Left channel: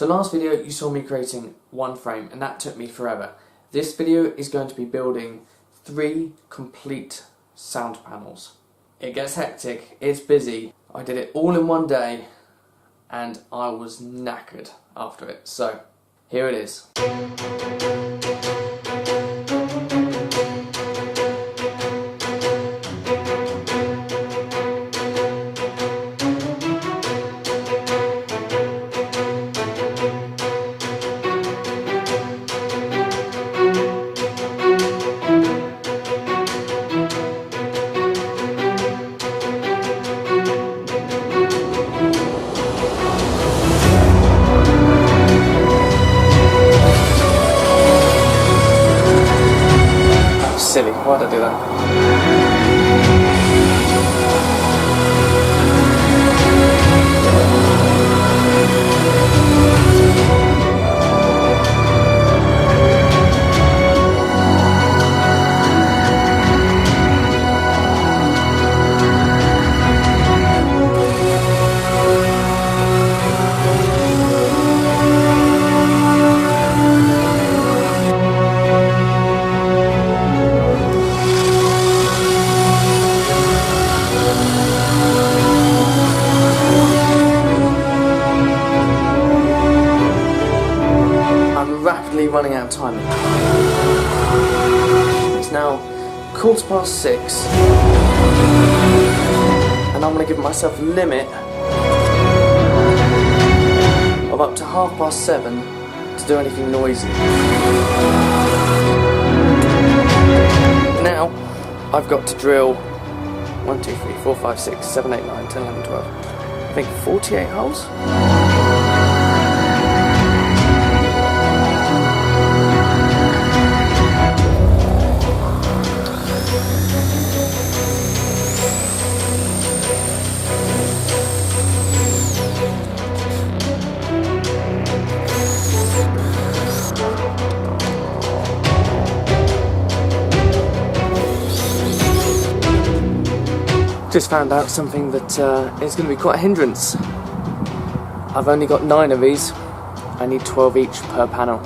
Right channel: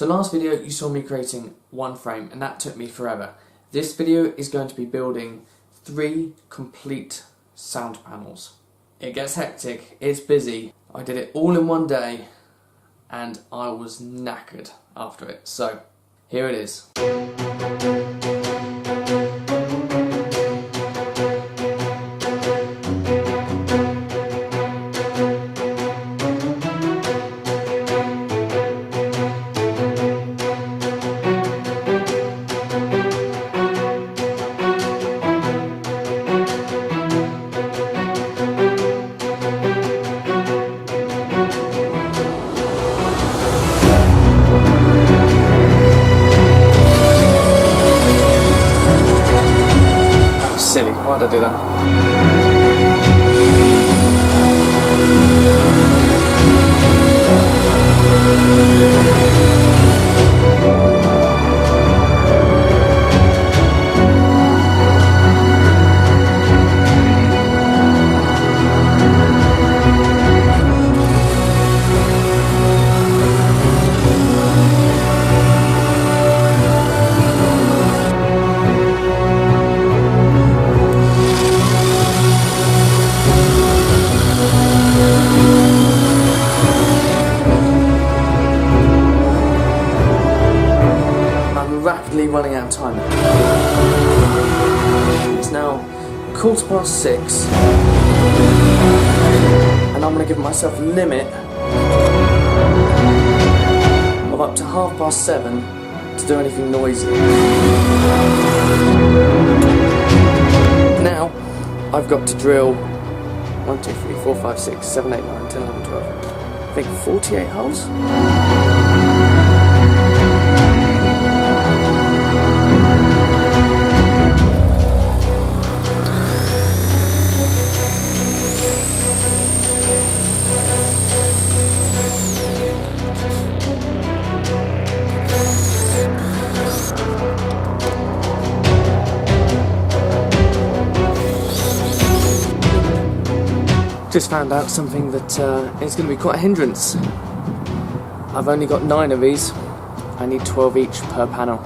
So last video you saw me creating one frame and that took me forever. This video is going to be building 3 complete sound panels. It gets hectic, it's busy. I did it all in one day and I was knackered after it. So here it is. Silly, why'd I do that? I'm rapidly running out of time. It's now 6:15 and I'm going to give myself a limit of up to 7:30 to do anything noisy. Now I've got to drill 1, 2, 3, 4, 5, 6, 7, 8, 9, 10, 11, 12, I think 48 holes. Just found out something that is going to be quite a hindrance. I've only got 9 of these. I need 12 each per panel.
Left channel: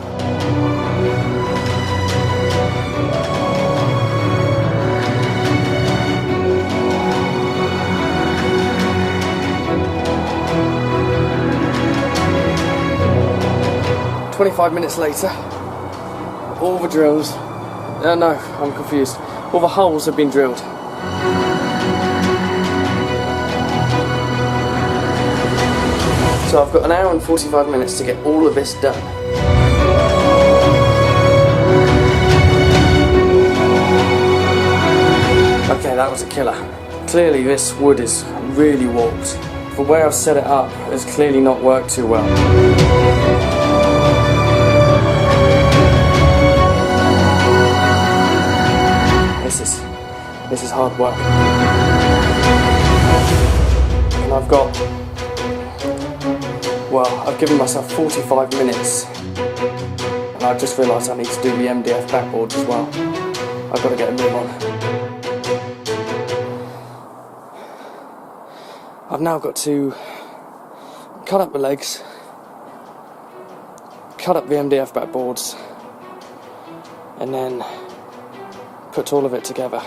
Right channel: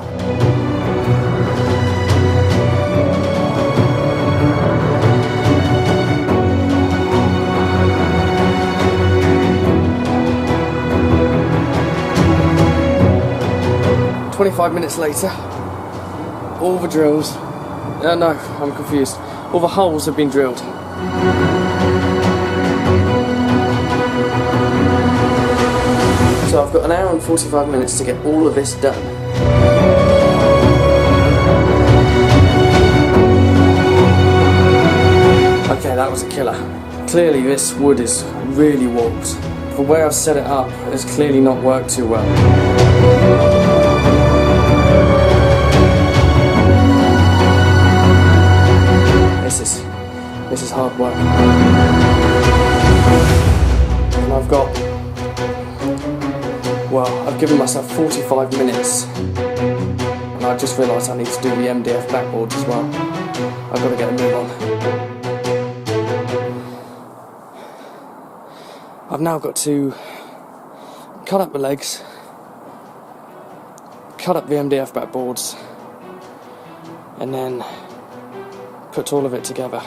"25 minutes later, all the drills, no, I'm confused. All the holes have been drilled. So I've got 1 hour and 45 minutes to get all of this done. Okay, that was a killer. Clearly this wood is really warped. The way I've set it up has clearly not worked too well. This is hard work. And I've given myself 45 minutes. And I just realised I need to do the MDF backboards as well. I've got to get a move on. I've now got to cut up the legs, cut up the MDF backboards, and then put all of it together.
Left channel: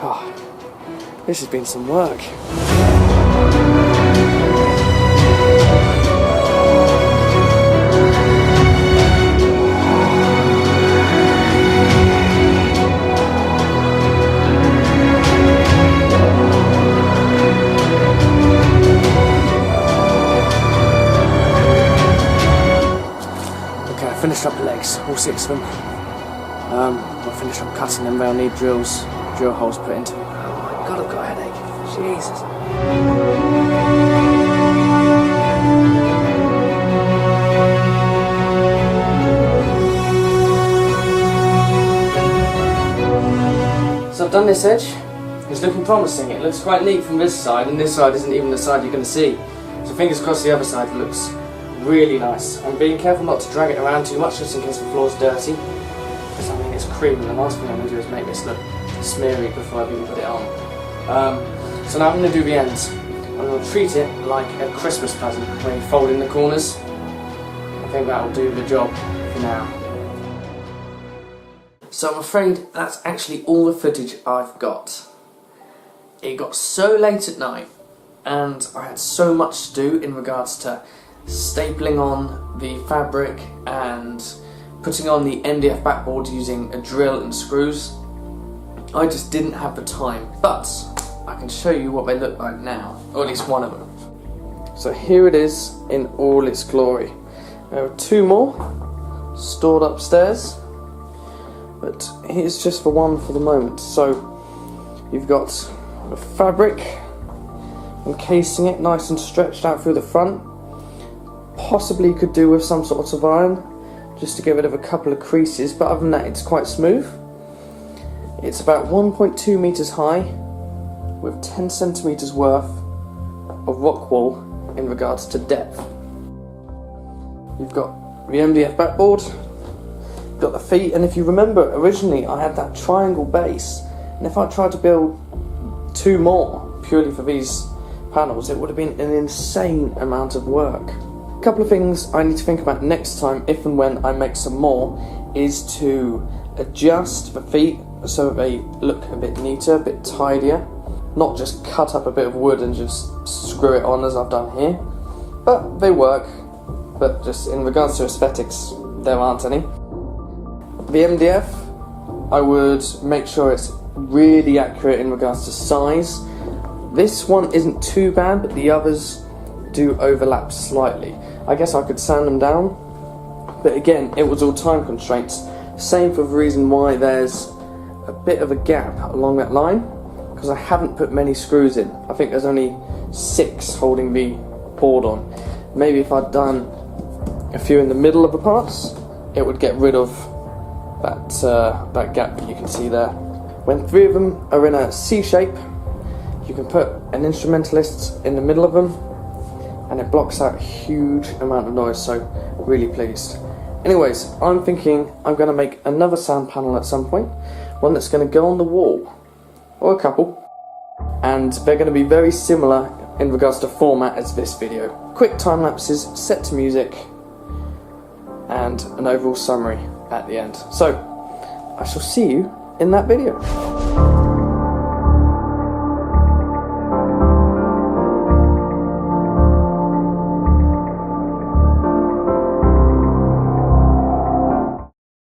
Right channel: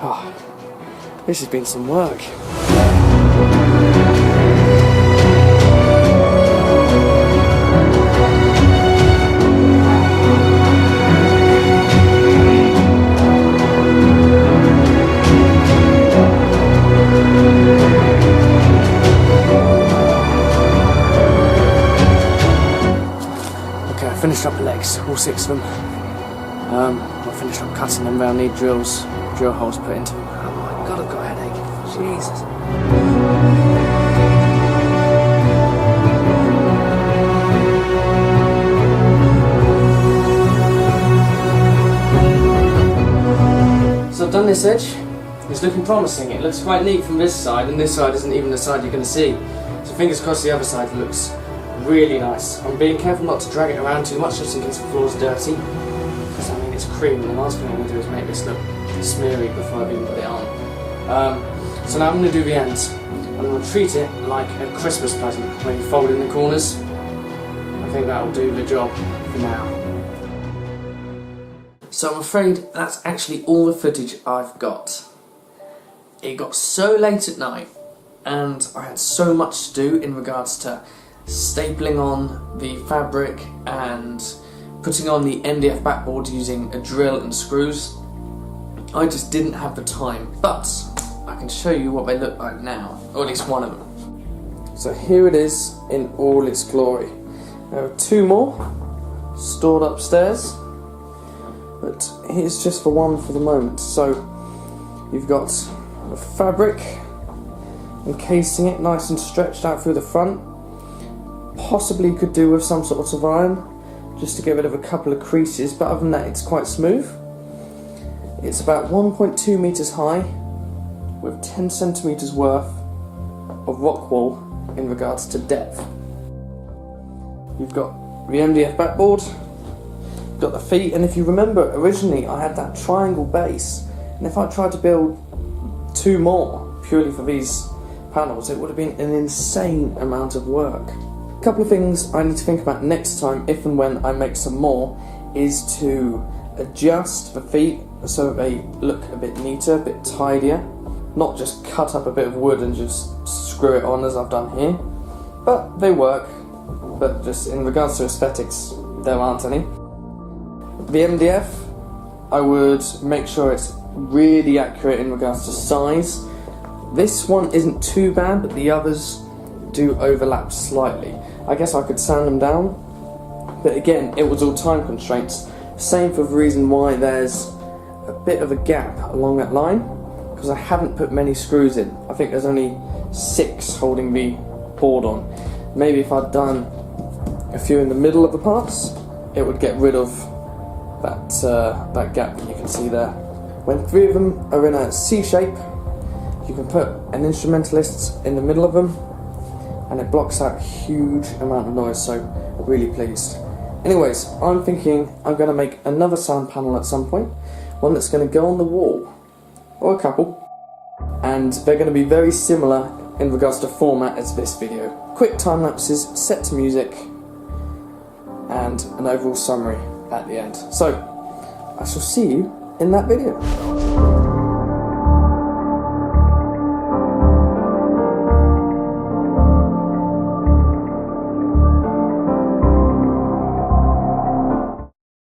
Oh, this has been some work. Okay, I finished up the legs, all 6 of them. I'll finish up cutting them. They'll need drill holes put into them. Oh my god, I've got a headache. Jesus. So I've done this edge. It's looking promising. It looks quite neat from this side, and this side isn't even the side you're going to see. So fingers crossed the other side looks really nice. I'm being careful not to drag it around too much just in case the floor's dirty. Because I mean it's cream, and the last thing I want to do is make this look smeary before I've even put it on. So now I'm going to do the ends. I'm going to treat it like a Christmas present, where you fold in the corners. I think that'll do the job for now. So I'm afraid that's actually all the footage I've got. It got so late at night and I had so much to do in regards to stapling on the fabric and putting on the MDF backboard using a drill and screws. I just didn't have the time, but I can show you what they look like now, or at least one of them. So here it is in all its glory. There are two more stored upstairs, but here's just the one for the moment. So you've got the fabric encasing it nice and stretched out through the front. Possibly could do with some sort of iron just to get rid of a couple of creases, but other than that it's quite smooth. It's about 1.2 meters high with 10 centimeters worth of rock wall in regards to depth. You've got the MDF backboard, you've got the feet, and if you remember originally I had that triangle base, and if I tried to build two more purely for these panels it would have been an insane amount of work. A couple of things I need to think about next time, if and when I make some more, is to adjust the feet so that they look a bit neater, a bit tidier. Not just cut up a bit of wood and just screw it on as I've done here. But they work, but just in regards to aesthetics, there aren't any. The MDF, I would make sure it's really accurate in regards to size. This one isn't too bad, but the others do overlap slightly. I guess I could sand them down, but again, it was all time constraints. Same for the reason why there's a bit of a gap along that line, because I haven't put many screws in. I think there's only 6 holding the board on. Maybe if I'd done a few in the middle of the parts, it would get rid of that gap that you can see there. When 3 of them are in a C shape, you can put an instrumentalist in the middle of them and it blocks out a huge amount of noise, so really pleased. Anyways, I'm thinking I'm going to make another sound panel at some point, one that's going to go on the wall, or a couple, and they're going to be very similar in regards to format as this video. Quick time lapses, set to music, and an overall summary at the end. So, I shall see you in that video.